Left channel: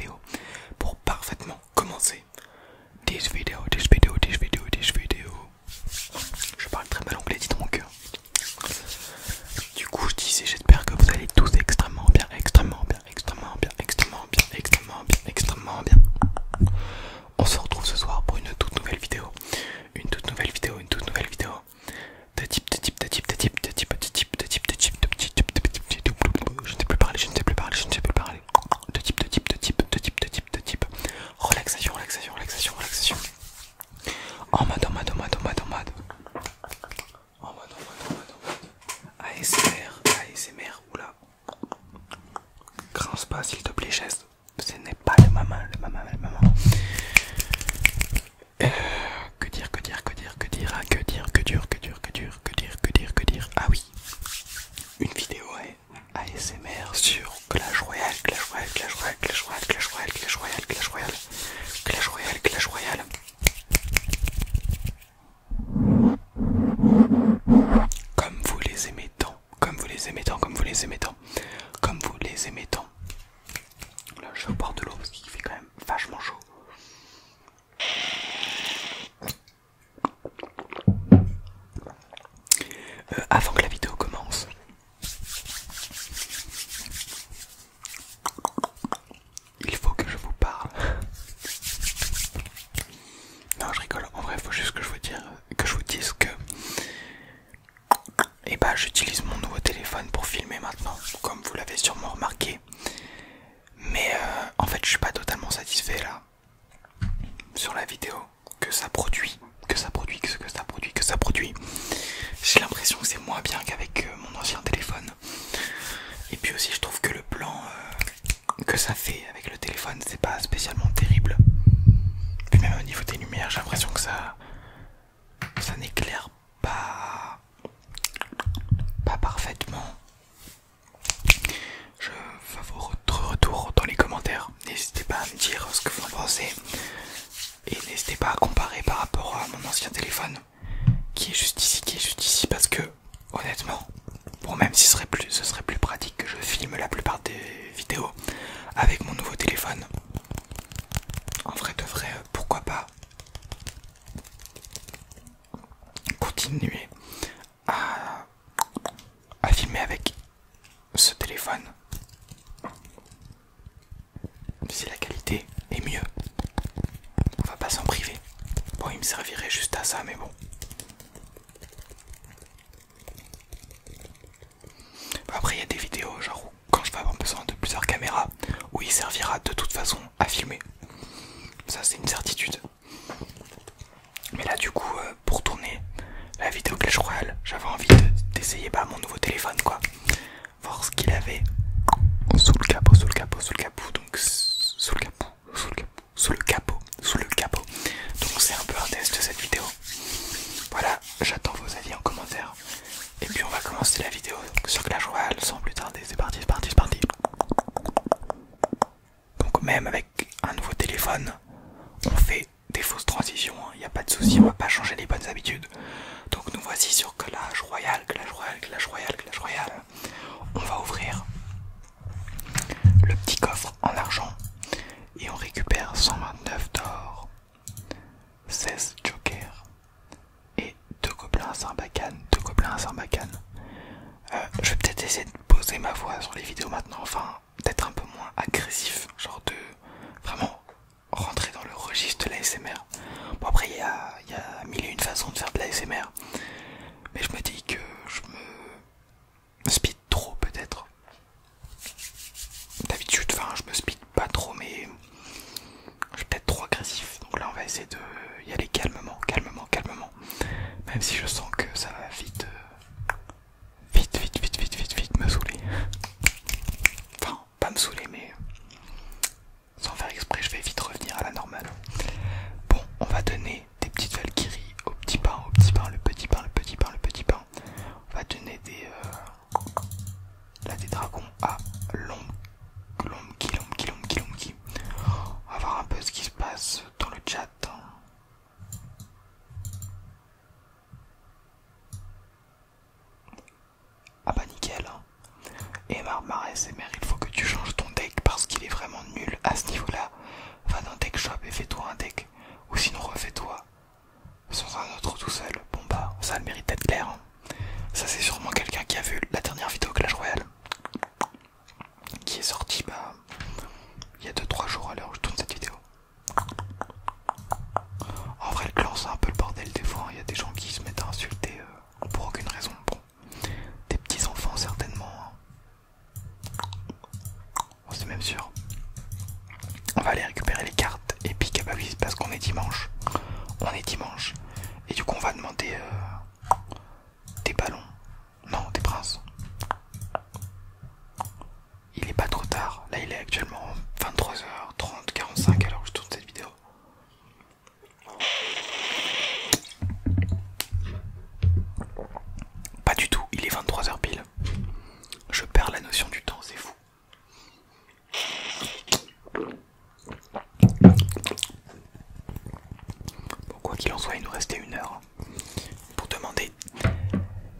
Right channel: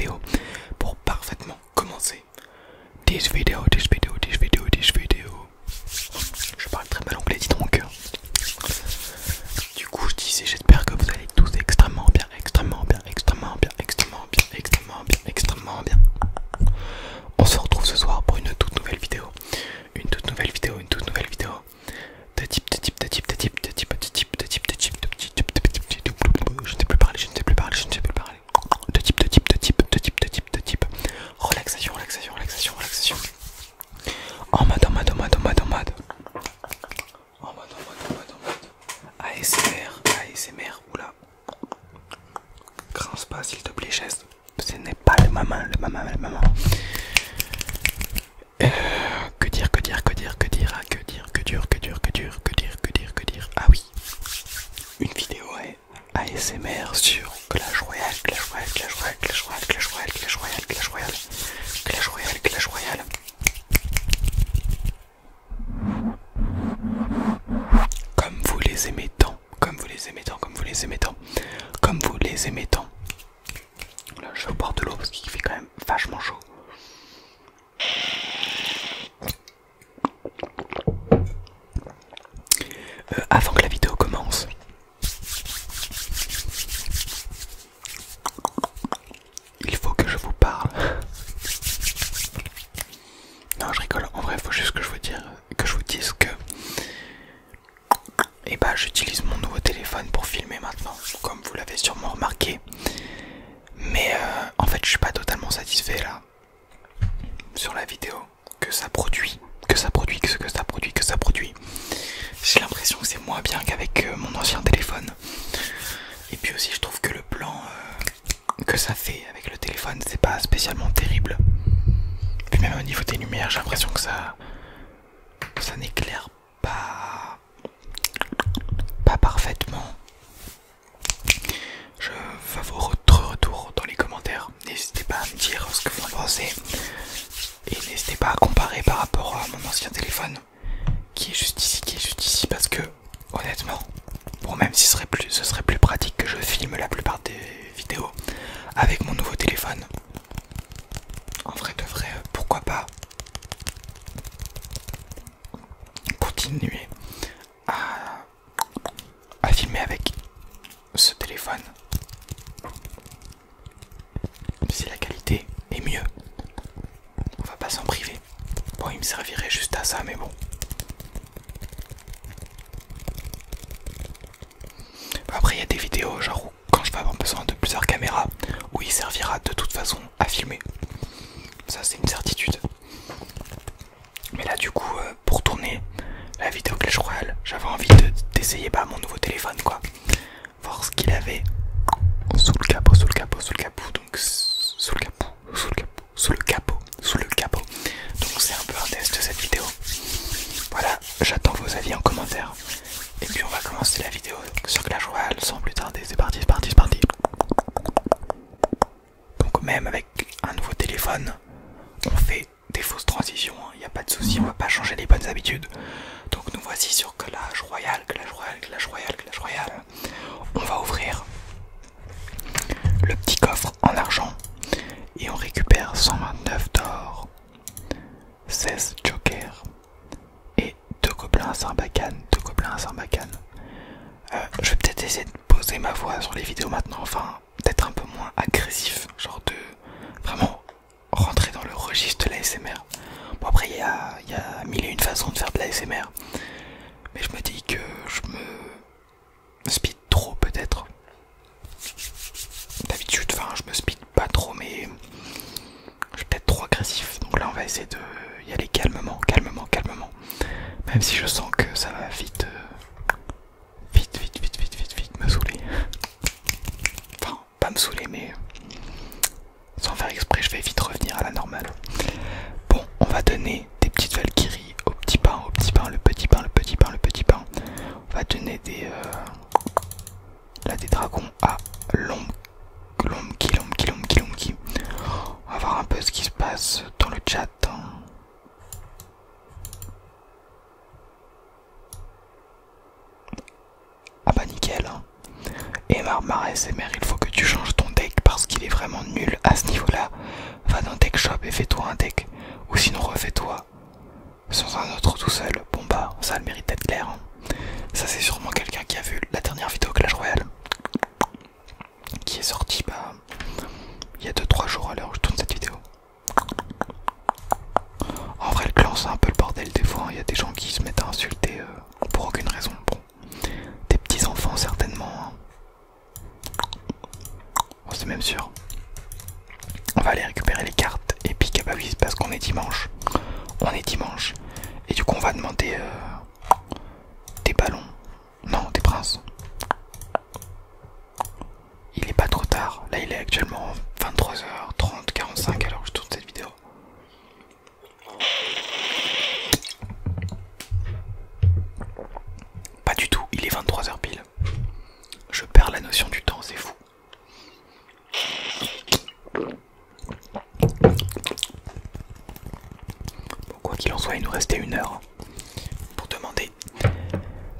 vidéo pour parfaitement commencer. This video. Je parle très mal anglais, dis donc. Du coup, je disais, j'espère que vous allez tous extrêmement bien. On se retrouve ce soir pour une toute nouvelle vidéo. Relaxation. En mode. ASMR, oula. Grince pas s'il te plaît, chaise. Ce n'est pas le maman. Ah oui, une vidéo ASMR sur Clash Royale. Comme vous les aimez tant. Là, je vais boire de l'eau parce qu'il fait quand même vachement chaud. Avant que la vidéo commence, il faut que je vous parle. Non, je rigole. En vrai, il faut juste que je vous dise que j'utilise mon nouveau téléphone pour filmer maintenant, comme vous l'avez sûrement remarqué. Mais en fait, je suis pas totalement satisfait là sur la vidéo que ça produit. J'ai l'impression que c'est moins bien qu'avec mon ancien téléphone. Et puis aussi, je trouve que le plan que ça fait avec le téléphone, c'est pas spécialement terrible. Puis même au niveau des lumières, j'ai l'impression que ça n'éclaire pas parfaitement. Je veux votre retour dans les commentaires. N'hésitez pas à me dire ce que vous en pensez. Et n'hésitez pas à comparer par rapport à mon ancien téléphone qui est juste ici, parce que honnêtement, bon, même si ce serait plus pratique que je filme la plupart des vidéos avec mon nouveau téléphone, en vrai de vrai, pourquoi pas continuer à filmer avec ce téléphone si la qualité est mieux. On va pas s'en priver. Bon, il me servirait juste à ça, mais bon. Après, il y a des vidéos genre où, quand je vais avoir besoin de plusieurs caméras, où il servira de toute façon à filmer. Ça, c'est une certitude. Mais là, du coup, pour tourner la vidéo Clash Royale, j'avais envie d'essayer mon nouveau téléphone, quoi. Voir ce qu'il avait sous le capot. Donc, sous le capot. Donc, c'est un peu un test de cette vidéo. Voilà, j'attends vos avis en commentaire. Et puis, on va commencer la vidéo sur Clash Royale sans plus tarder. C'est parti. Donc, même avec un nouveau téléphone, on fait des fausses transitions, il n'y a pas de souci, on va pas changer les bonnes habitudes. Donc nous voici sur Clash Royale. On va ouvrir le petit coffre en argent et on récupère 129 d'or, 16 jokers et 2 gobelins à Sarbacane. Je vais peut-être essayer de poser ma voix sur les vidéos maintenant, enfin d'être un peu moins agressif, genre de vraiment rentrer dans le registre de l'ASMR. Bon, après il y a mille et une façons de faire de l'ASMR, mais je me dis que je me speed trop peut-être. D'habitude, enfin je me speed pas trop, mais je suis peut-être trop agressif. Donc là on va essayer de y aller calmement. Même si je sens que ça va vite me saouler. Enfin, pas me saouler, mais sans faire exprès, je vais vite revenir à la normale. Bon, on va donner des petites valkyries au petit pain, le petit pain. On va donner des dragons à Lomki. On va voir un peu ce qui se passe dans le chat. Ah bah nickel. Et Mar ASMR, il faut que tu changes ton deck parce qu'il est vraiment nul à ce niveau-là. il y a 2-3 jours à l'heure où je tourne cette vidéo. En vrai, le clan c'est un peu le bordel des fois, il y a des gens qui se mettent à insulter pour aucune raison. Bon, des petits enfants certainement, hein. Bon, c'est même sûr. On va aller récupérer les cartes épiques, bah oui, parce qu'on est dimanche. On est dimanche. Et du coup on va demander des ballons. Non, des princes. Il est pas trop tard. Là il est actuellement 23h30, 45 alors que je tourne cette vidéo. Pas du tout, il est 23h pile. Je perds la notion du temps, c'est fou. Bon, quoi qu'il en soit, il nous restait 1 heure pour demander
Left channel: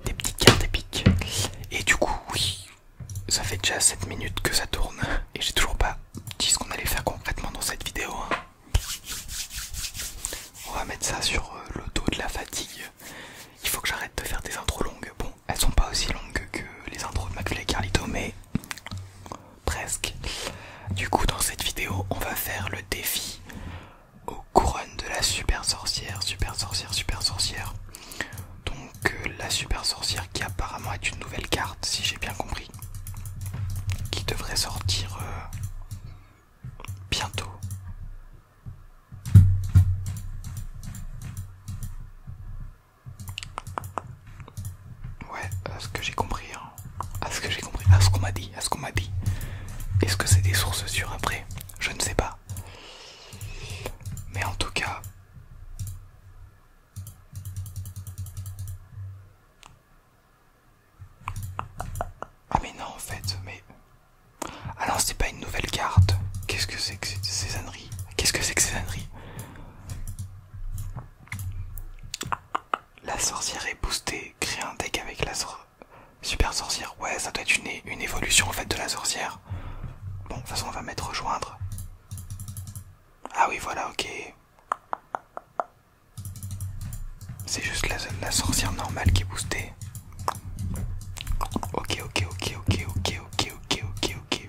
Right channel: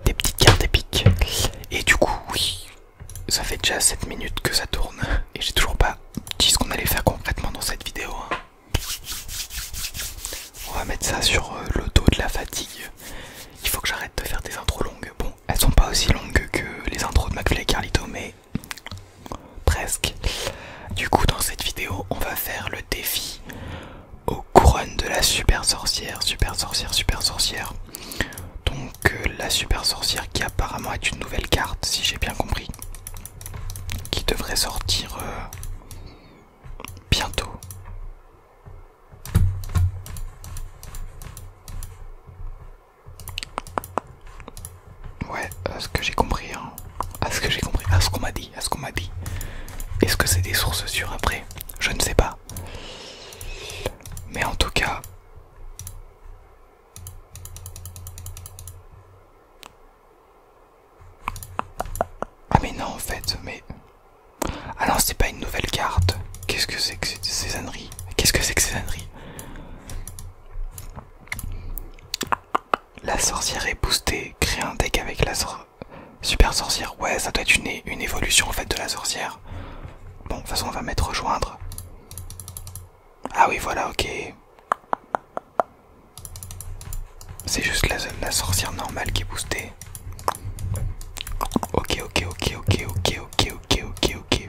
des petites cartes épiques. Et du coup, oui, ça fait déjà 7 minutes que ça tourne et j'ai toujours pas dit ce qu'on allait faire concrètement dans cette vidéo, hein. On va mettre ça sur le dos de la fatigue. Il faut que j'arrête de faire des intros longues. Bon, elles sont pas aussi longues que les intros de McFly et Carlito, mais presque. Du coup, dans cette vidéo, on va faire le défi aux couronnes de la super sorcière. Super sorcière, super sorcière. Donc la super sorcière qui apparemment est une nouvelle carte, si j'ai bien compris, qui devrait sortir bientôt. Ouais, à ce que j'ai compris, hein. À ce que j'ai compris, à ce qu'on m'a dit, à ce qu'on m'a dit. Est-ce que c'est des sources sûres après? Je ne sais pas. Mais en tout cas... Ah mais non en fait, mais... Ah non, c'est pas une nouvelle carte. Qu'est-ce que c'est que ces âneries? Qu'est-ce que c'est que ces âneries? La sorcière est boostée. Créer un deck avec la super sorcière. Ouais, ça doit être une évolution en fait de la sorcière. Bon, de toute façon, on va mettre rejoindre. Ah oui, voilà, ok. C'est juste la sorcière normale qui est boostée. Ok, ok, ok, ok, ok, ok, ok, ok, ok.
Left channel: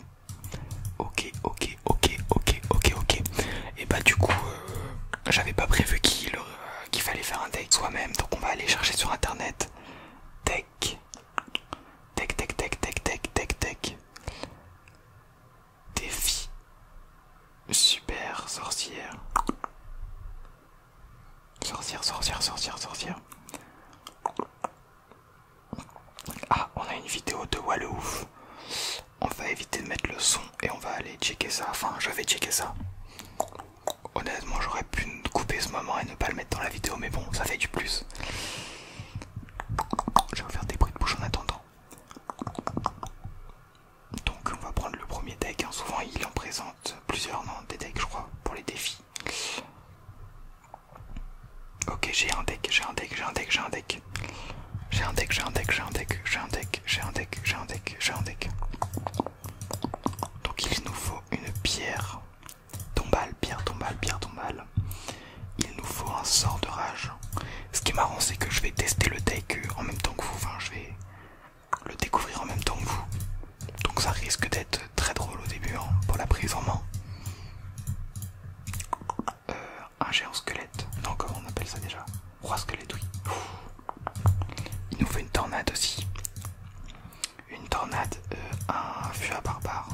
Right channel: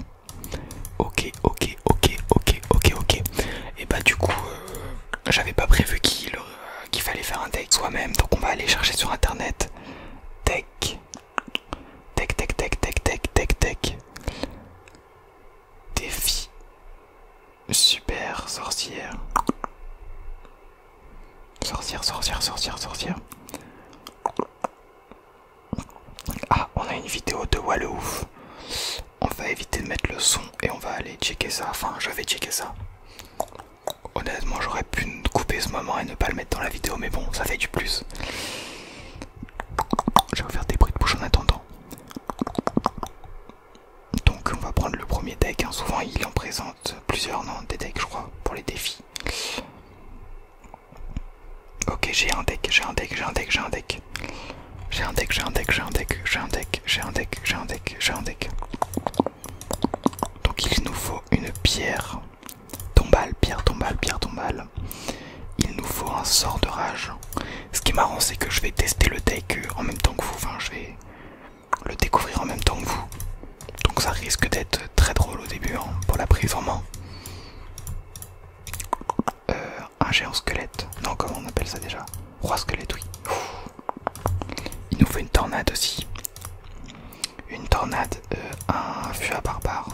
Ok, ok, ok, ok, ok, ok. Et bah du coup, j'avais pas prévu qu'il fallait faire un deck soi-même, donc on va aller chercher sur internet. Deck. Deck, deck, deck, deck, deck, deck, deck. Défi. Super sorcière. Sorcière, sorcière, sorcière, sorcière. Ah, on a une vidéo de Wallouf. On va éviter de mettre le son et on va aller checker ça. Enfin, je vais checker ça. Honnêtement, j'aurais pu couper ce moment et ne pas le mettre dans la vidéo, mais bon, ça fait du plus. Je vais faire des bruits de bouche en attendant. Donc, on va prendre le premier deck, hein. Souvent, il en présente plusieurs, non, des decks, je crois, pour les défis. Ok, j'ai un deck, j'ai un deck, j'ai un deck, j'ai un deck. J'ai un deck, j'ai un deck, j'ai un deck, j'ai un deck, j'ai un deck, j'ai un deck, j'ai un deck. Donc il nous faut une pierre tombale, pierre tombale, pierre tombale. Il nous faut un sort de rage. Ce qui est marrant, c'est que je vais tester le deck en même temps que vous. Enfin, je vais le découvrir en même temps que vous. Donc ça risque d'être très drôle au début, hein, pour la prise en main. Un géant squelette. Non, comment on appelle ça déjà? Roi squelette, oui. Il nous faut une tornade aussi. Une tornade, un fût à barbare.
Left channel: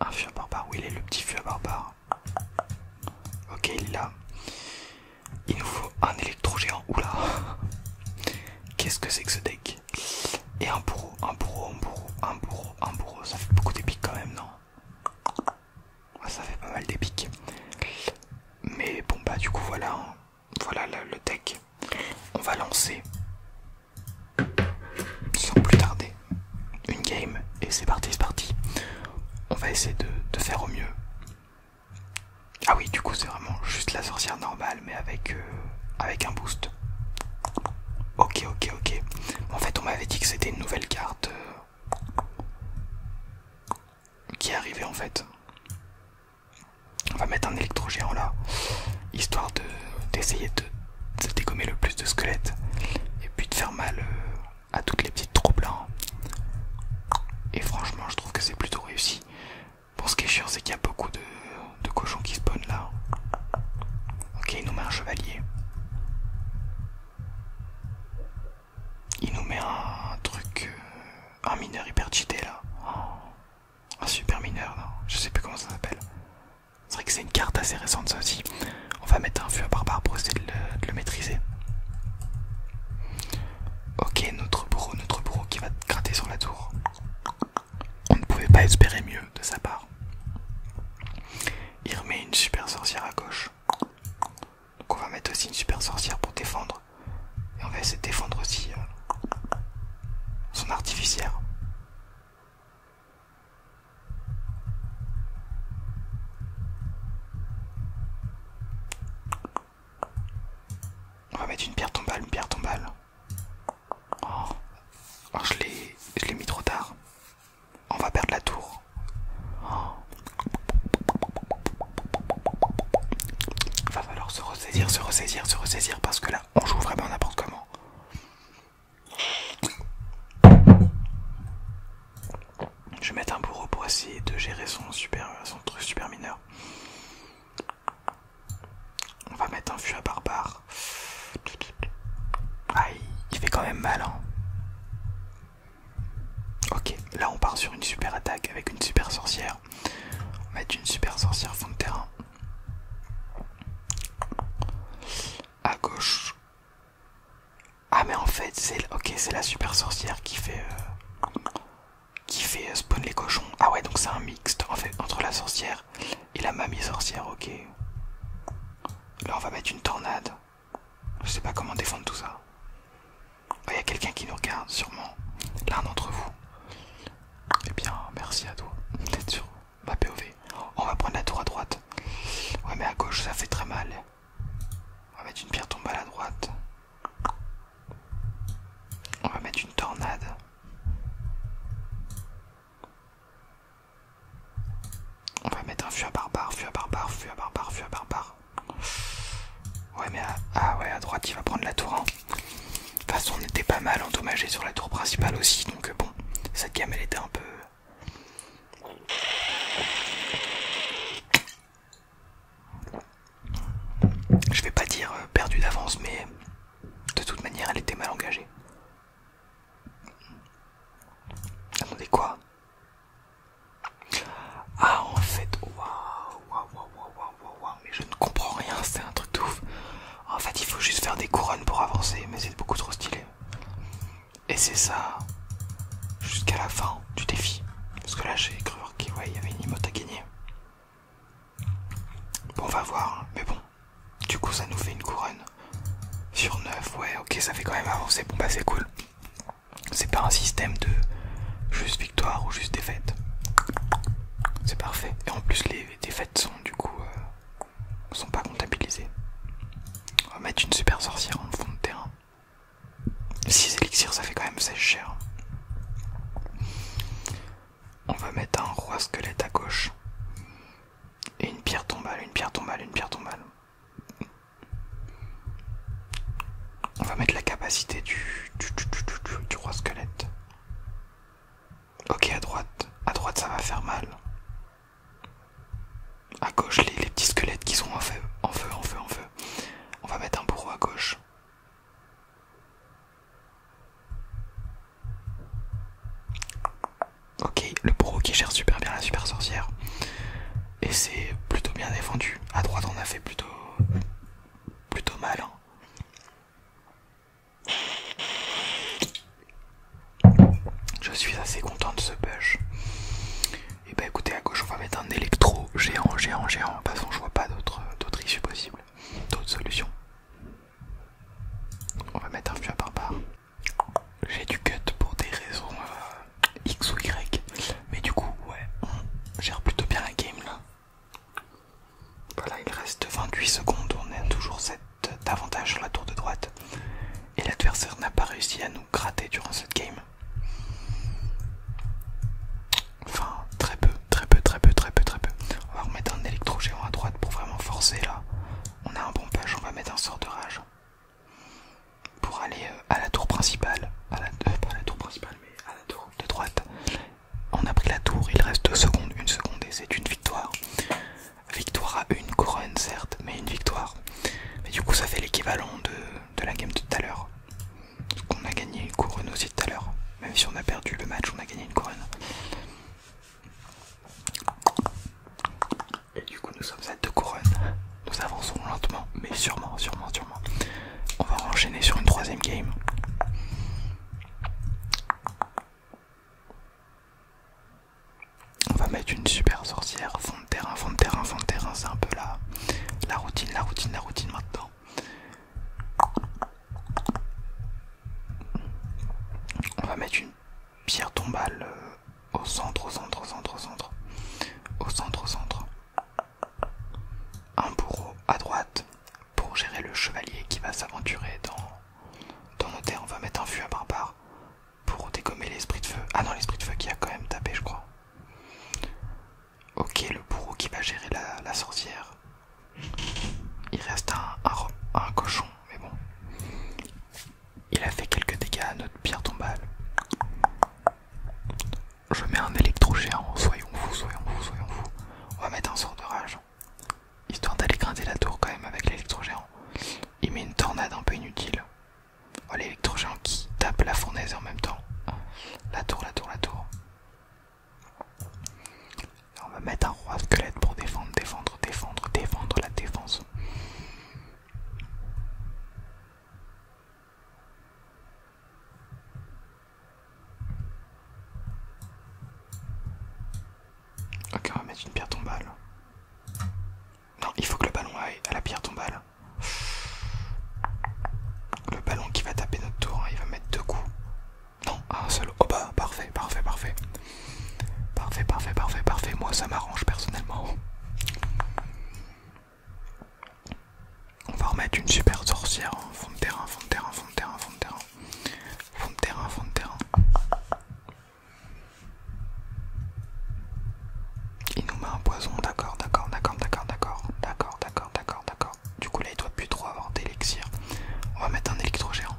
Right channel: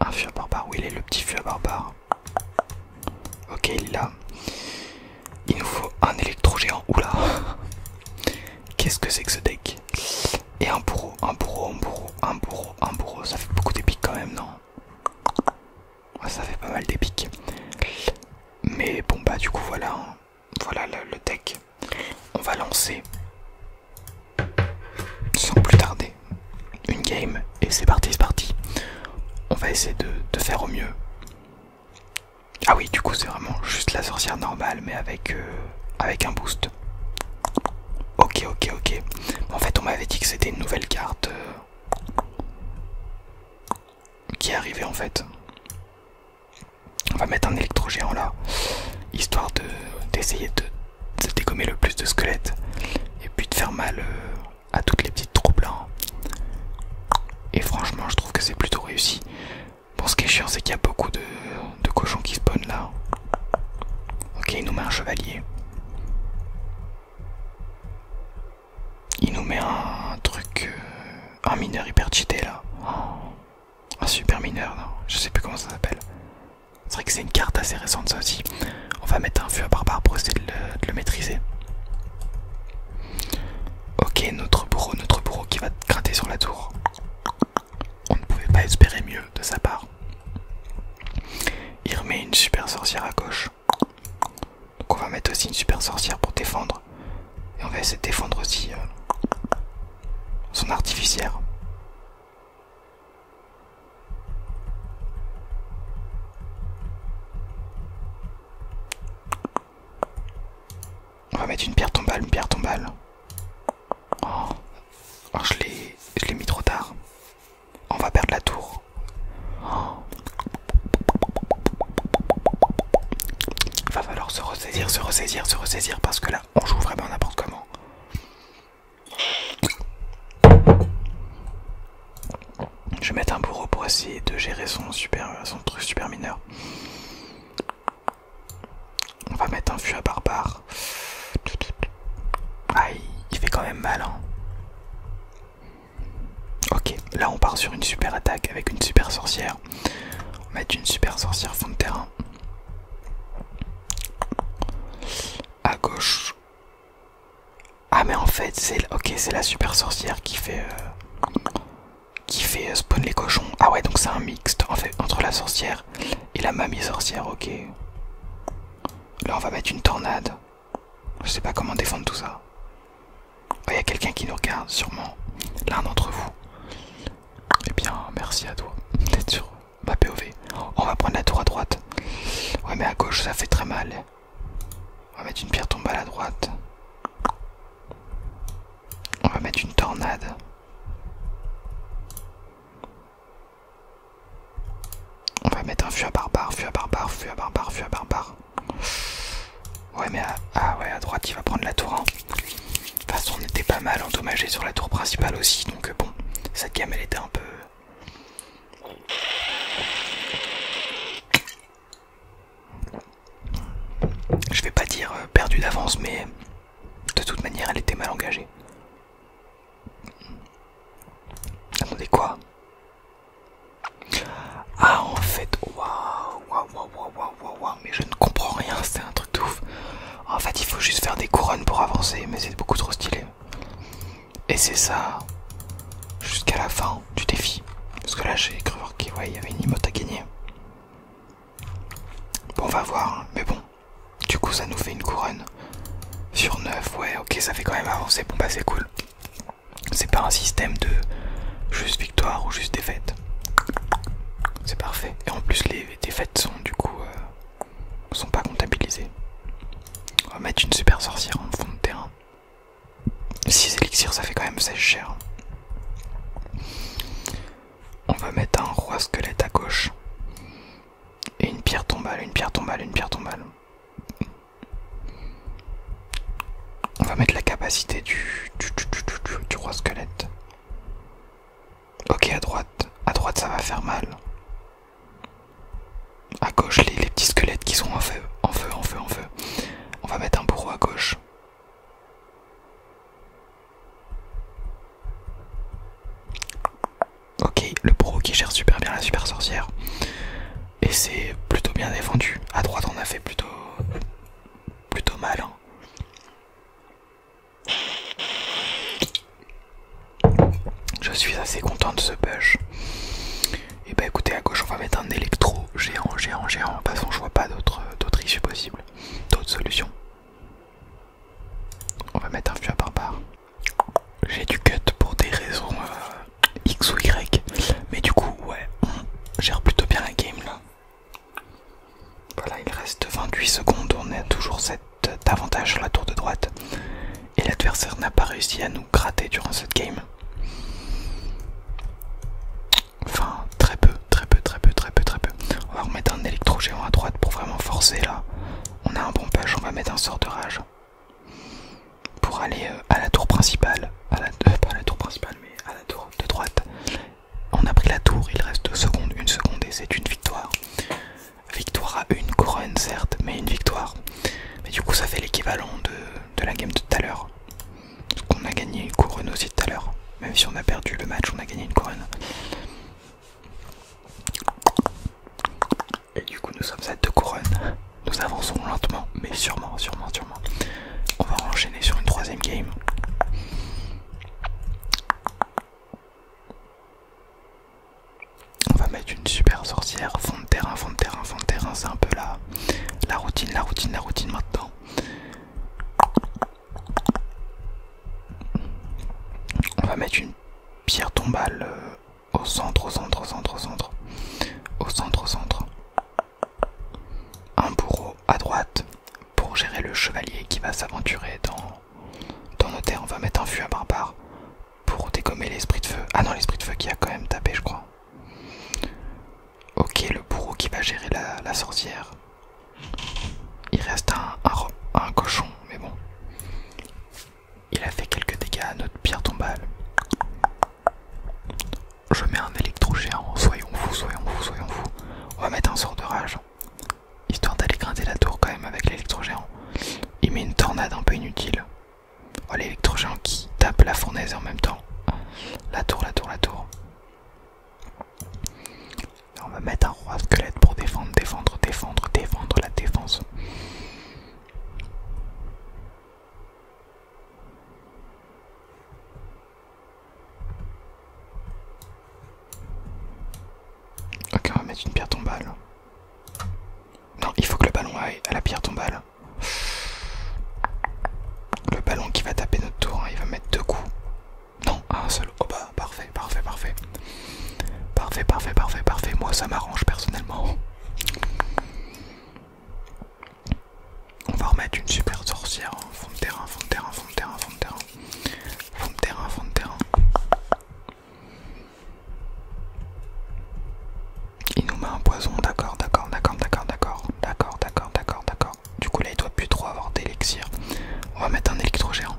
Un fût à barbare, où il est le petit fût à barbare? Ok, il est là. Il nous faut un électro-géant. Oula. Qu'est-ce que c'est que ce deck? Et un bourreau, un bourreau, un bourreau, un bourreau, un bourreau. Ça fait beaucoup d'épiques quand même, non? Ouais, ça fait pas mal d'épiques. Mais bon bah du coup voilà, hein. Voilà le deck. On va lancer sans plus tarder une game et c'est parti, c'est parti. On va essayer de faire au mieux. Ah oui, du coup c'est vraiment juste la sorcière normale mais avec un boost. Ok, ok, ok. En fait on m'avait dit que c'était une nouvelle carte qui est arrivée en fait. On va mettre un électro-géant là, histoire d'essayer de dégommer le plus de squelettes et puis de faire mal à toutes les petites troupes là. Et franchement je trouve que c'est plutôt réussi. C'est vrai que c'est une carte assez récente ça aussi. On va mettre un feu à barbare pour essayer de le maîtriser. Ok, notre bourreau qui va gratter sur la tour. On ne pouvait pas espérer mieux de sa part. Il remet une super sorcière à gauche. Donc on va mettre aussi une super sorcière pour défendre. Et on va essayer de défendre aussi son artificière. On va mettre une pierre tombale, une pierre tombale. Oh, alors je l'ai mis trop tard. On va perdre la tour. Oh. Va falloir se ressaisir parce que là on joue vraiment n'importe comment. Je vais mettre un bourreau pour essayer de gérer son truc super mineur. On va mettre un fût à barbare. Ah, il fait quand même mal, hein. Ok, là on part sur une super attaque avec une super sorcière. On va mettre une super sorcière fond de terrain. À gauche. Ah mais en fait c'est la super sorcière qui fait spawn les cochons. Ah ouais, donc c'est un mixte en fait entre la sorcière et la mamie sorcière. Ok. Là on va mettre une tornade. Je sais pas comment défendre tout ça. Il y a quelqu'un qui nous regarde, sûrement. L'un d'entre vous. Eh bien, merci à toi d'être sur ma POV. On va prendre la tour à droite. Ouais, mais à gauche, ça fait très mal. On va mettre une pierre tombale à droite. On va mettre une tornade. On va mettre un fût à barbare, fût à barbare, fût à barbare, fût à barbare. Ouais, mais ah ouais, à droite, il va prendre la tour 1. De toute façon, on était pas mal endommagé sur la tour principale aussi, donc bon, cette game elle était un peu... Je vais pas dire perdu d'avance, mais de toute manière elle était mal engagée. Attendez, quoi? Ah, en fait, waouh, mais je ne comprends rien, c'est un truc de ouf. En fait, il faut juste faire des couronnes pour avancer, mais c'est beaucoup trop stylé. Et c'est ça jusqu'à la fin du défi. Parce que là, j'ai cru voir qu'il y avait une emote à gagner. Bon, on va voir, mais bon. Du coup, ça nous fait une couronne sur 9. Ouais, ok, ça fait quand même avancer. Bon, bah, c'est cool. C'est pas un système de juste victoire ou juste défaite. C'est parfait. Et en plus, les défaites sont du coup sont pas comptabilisées. On va mettre une super sorcière en fond de terrain. 6 élixirs, ça fait quand même 16 cher. On va mettre un roi squelette à gauche. Et une pierre tombale, une pierre tombale, une pierre tombale. On va mettre la capacité du roi squelette. Ok, à droite ça va faire mal. À gauche, les petits squelettes qui sont en feu. On va mettre un bourreau à gauche. Ok, le bourreau qui gère super bien la super sorcière. Et c'est plutôt bien défendu. À droite on a fait plutôt mal, hein. Je suis assez content de ce push. Et bah écoutez, à gauche on va mettre un électro géant. De toute façon je vois pas d'autres issues possibles, d'autres solutions. On va mettre un fût à barbare. J'ai du cut pour des raisons X ou Y. Mais du coup ouais, on gère plutôt bien la game là. Voilà, il reste 28 secondes, on a toujours cet avantage sur la tour de droite. Et l'adversaire n'a pas réussi à nous gratter durant cette game. Enfin, très peu. On va remettre un électro géant à droite pour vraiment forcer là. On a un bon push, on va mettre un sort de rage. Pour aller à la tour principale. Pas à la tour principale, mais à la tour de droite. On a pris la tour, il reste 2 secondes, 1 seconde et c'est une victoire. Victoire à une couronne certes, mais une victoire. Mais du coup ça fait l'équivalent de la game de tout à l'heure. On a gagné une couronne aussi tout à l'heure. Même si on a perdu le match, on a gagné une couronne. Et du coup nous sommes mettre une super sorcière. Fond de terrain, fond de terrain, fond de terrain. C'est un peu la routine, la routine, la routine maintenant. On va mettre une pierre tombale au centre, au centre, au centre, au centre. Au centre, au centre. Un bourreau à droite pour gérer le chevalier qui va s'aventurer dans nos terres. On va mettre un fût à barbare pour dégommer l'esprit de feu. Ah non, l'esprit de feu qui a quand même tapé, je crois. Ok, le bourreau qui va gérer la sorcière. Il reste un cochon, mais bon. Il a fait quelques dégâts à notre pierre tombale. Je mets un électro-géant, soyons fous, soyons fous, soyons fous. On va mettre un sort de rage, histoire d'aller grinder la tour quand même avec l'électro-géant. Il met une tornade un peu inutile. Oh, l'électro-géant qui tape la fournaise et en même temps la tour, la tour, la tour. On va mettre un roi squelette pour défendre, défendre, défendre, défendre la défense. Ok, on va mettre une pierre tombale. Non, il faut que le ballon aille à la pierre tombale. Le ballon qui va taper notre tour, hein, il va mettre 2 coups. Non, un seul. Oh bah, parfait, parfait, parfait. Parfait, parfait, parfait, parfait. Moi, ça m'arrange personnellement. On va remettre une super sorcière. Hein. Fond de terrain, fond de terrain, fond de terrain, fond de terrain. Fond de terrain, fond de terrain. Il nous met un poison, d'accord, d'accord, d'accord, d'accord, d'accord, d'accord, d'accord, d'accord, d'accord. Du coup là il doit plus trop avoir d'élixir. On va mettre un électro-géant.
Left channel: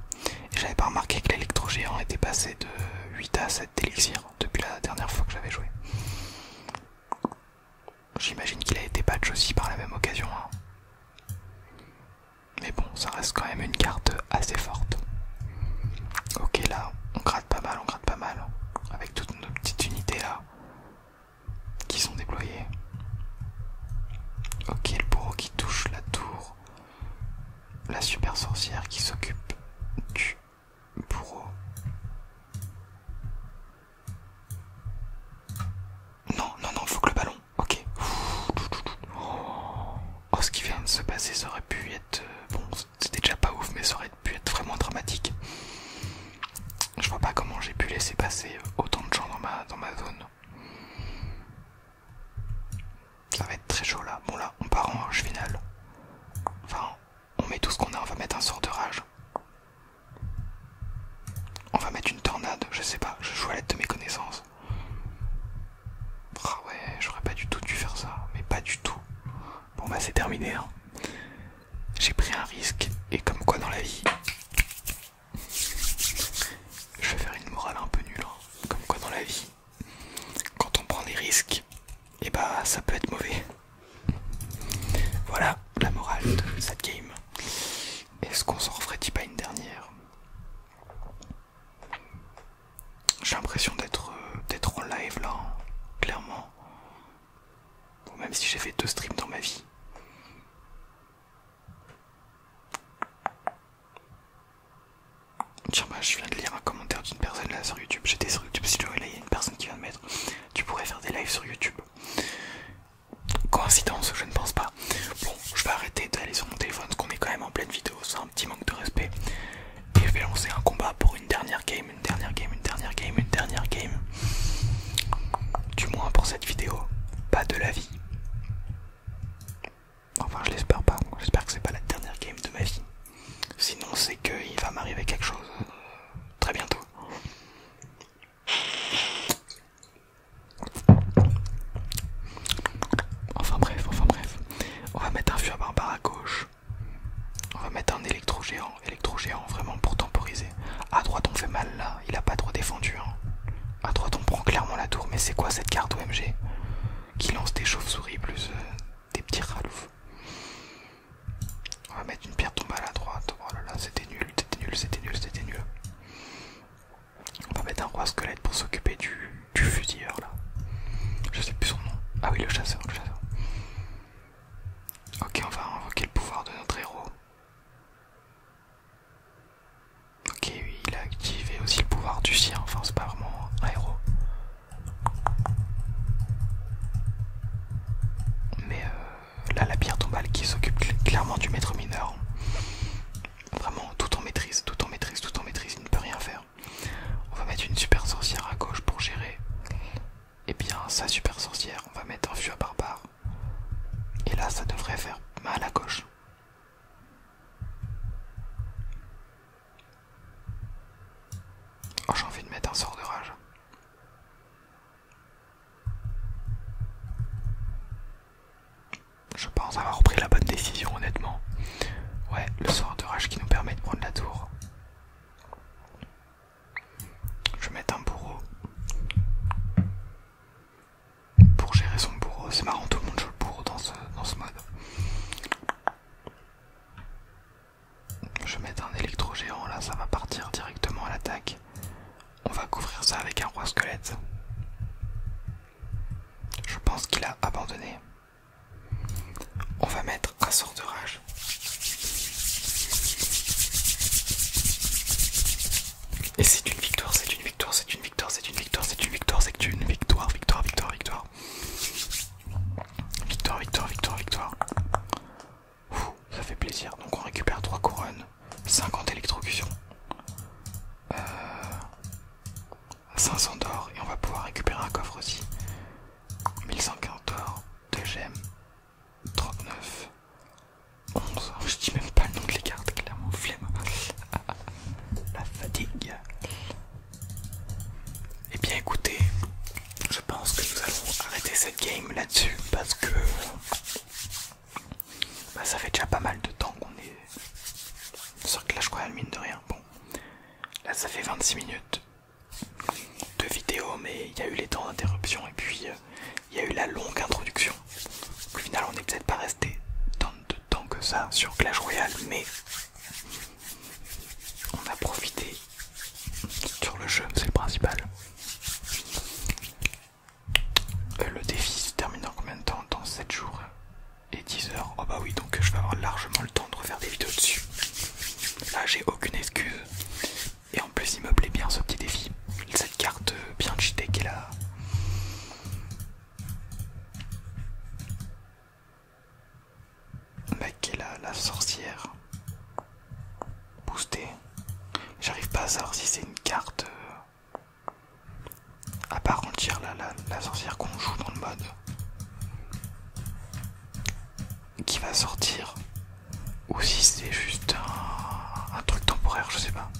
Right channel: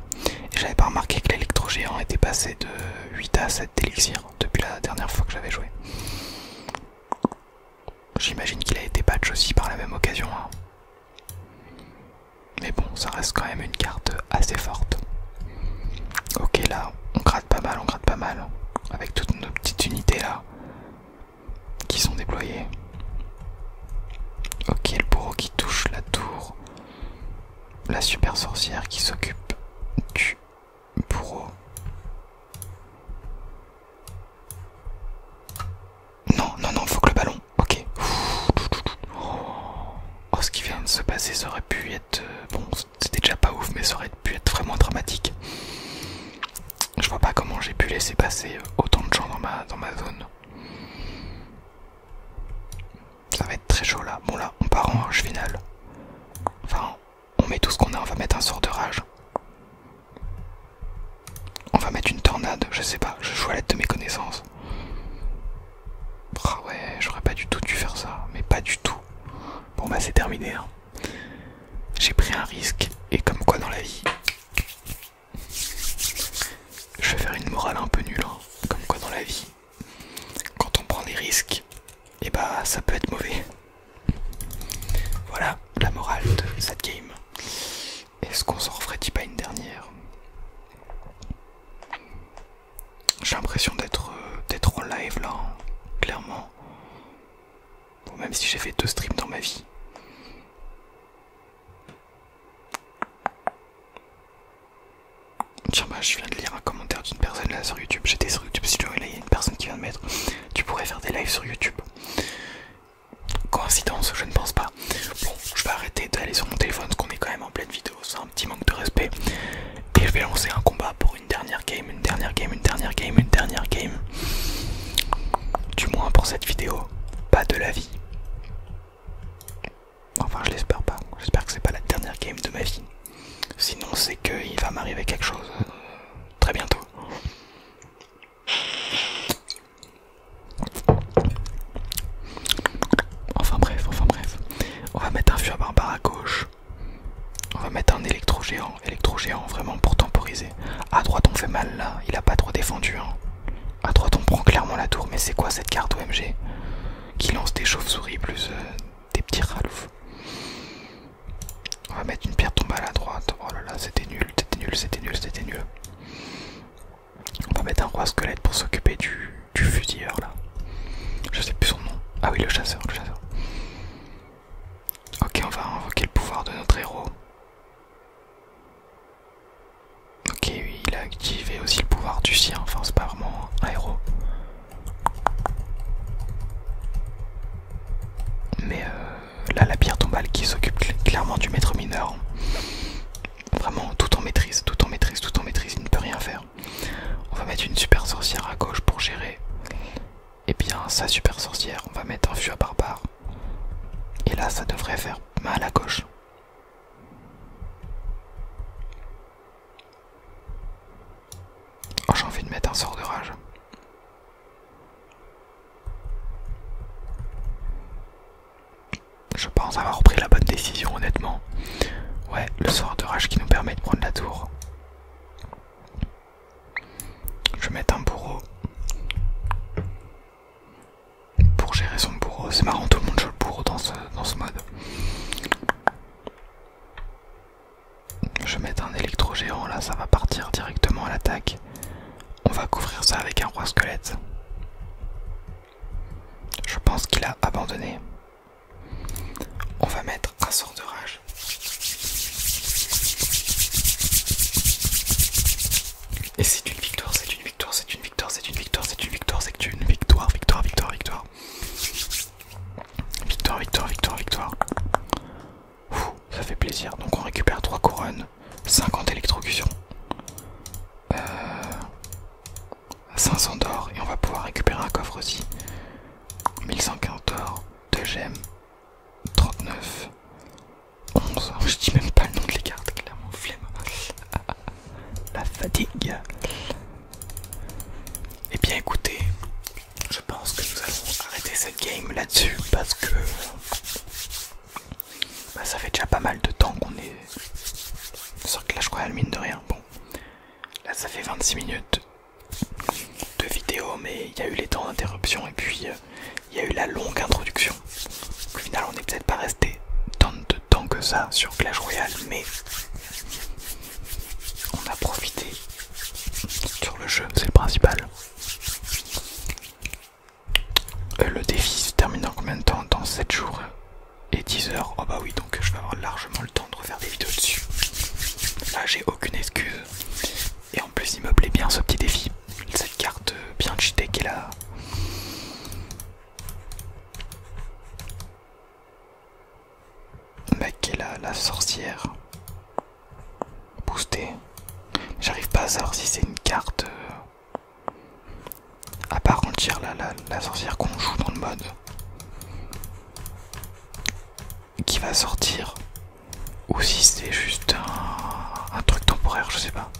Et j'avais pas remarqué que l'électro-géant était passé de 8 à 7 d'élixir depuis la dernière fois que j'avais joué. J'imagine qu'il a été patch aussi par la même occasion. Hein. Mais bon, ça reste quand même une carte assez forte. Ok, là, on gratte pas mal, on gratte pas mal. Avec toutes nos petites unités là qui sont déployées. Ok, le bourreau qui touche la tour. La super sorcière qui s'occupe du bourreau. Non, non, non, faut que le ballon. Ok. Oh, ce qui vient de se passer, ça aurait pu être... bon, c'était déjà pas ouf, mais ça aurait pu être vraiment dramatique. Je vois pas comment j'ai pu laisser passer autant de gens dans ma zone. Ça va être très chaud là. Bon là, on part en rush final. Enfin, on met tout ce qu'on a, on va mettre un sort de rage. On va mettre une tornade, je sais pas, je joue à l'aide de mes connaissances. Ah ouais, j'aurais pas du tout dû faire ça, mais pas du tout. Bon bah c'est terminé. Hein. J'ai pris un risque, et comme quoi dans la vie... Je vais faire une morale un peu nulle, hein. Comme quoi dans la vie, quand on prend des risques, et bah ça peut être mauvais. Voilà la morale de cette game. Est-ce qu'on s'en referait-il pas une dernière? J'ai l'impression d'être en live là, hein, clairement. Bon, même si j'ai fait 2 streams dans ma vie. Tiens bah je viens de lire un commentaire d'une personne là sur YouTube. J'étais sur YouTube Studio et là il y a une personne qui vient de mettre: tu pourrais faire des lives sur YouTube. Coïncidence, je ne pense pas. Bon, je vais arrêter d'aller sur mon téléphone parce qu'on est quand même en pleine vidéo, c'est un petit manque de respect. Et je vais lancer un combat pour une dernière game, une dernière game, une dernière game, une dernière game. Du moins pour cette vidéo, pas de la vie. Enfin je l'espère pas, j'espère que c'est pas la dernière game de ma vie. Sinon c'est qu'il va m'arriver quelque chose très bientôt. Enfin bref, on va mettre un fût à barbare à gauche. On va mettre un électro-géant vraiment pour temporiser. À droite on fait mal là, il a pas trop défendu. Hein. À droite on prend clairement la tour, mais c'est quoi cette carte OMG qui lance des chauves-souris plus des petits raloufs. On va mettre une pierre tombale à droite. Oh là là, c'était nul, c'était nul, c'était nul, c'était nul. On va mettre un roi squelette pour s'occuper du fusilleur là. Je sais plus son nom. Ah oui, le chasseur, le chasseur. Ok, on va invoquer le pouvoir de notre héros. Ok, oui, il a activé aussi le pouvoir du sien. Enfin, c'est pas vraiment un héros. clairement du maître mineur. Vraiment tout en maîtrise, tout en maîtrise, tout en maîtrise, il ne peut rien faire. On va mettre une super sorcière à gauche pour gérer. Et bien sa super sorcière, on va mettre un fût à barbare. Et là ça devrait faire mal à gauche. Oh, j'ai envie de mettre un sort de rage. Je pense avoir pris la bonne décision honnêtement. Ouais, le sort de rage qui nous permet de prendre la tour. Je vais mettre un bourreau. Pour gérer son bourreau, c'est marrant, tout le monde joue le bourreau dans ce mode. Je vais mettre un électro géant, là ça va partir directement à l'attaque. On va couvrir ça avec un roi squelette. Je pense qu'il a abandonné. On va mettre un sort de rage. Et c'est une victoire, c'est une victoire, c'est une victoire, c'est une victoire, c'est une victoire, c'est une victoire, victoire, victoire, victoire. Victoire, victoire, victoire, victoire. Ouh, ça fait plaisir. Donc on récupère 3 couronnes, 50 électrocutions, 500 d'or et on va pouvoir récupérer un coffre aussi. 1115 d'or, 2 gemmes, 39, 11. Je dis même pas le nom de les cartes, clairement, flemme. La fatigue. Eh bien écoutez, je pense que nous allons arrêter cette game là-dessus parce que bah, ça fait déjà pas mal de temps qu'on est sur Clash Royale, mine de rien. Bon, là ça fait 26 minutes de vidéo, mais il y a eu les temps d'interruption et puis il y a eu la longue introduction. Au final, on n'est peut-être pas resté tant de temps que ça sur Clash Royale, mais on a profité sur le jeu, c'est le principal. Le défi se termine dans combien de temps? Dans 7 jours et 10 heures. Oh bah oui, donc je vais avoir largement le temps de refaire des vidéos dessus. Là j'ai aucune excuse. Et en plus il me plaît bien ce petit défi. Cette carte bien cheatée qui est là. Bah, qui est la sorcière boostée. J'arrive pas à savoir si c'est une carte à part entière la sorcière qu'on joue dans le mode qui va sortir ou si c'est juste un truc temporaire, je sais pas.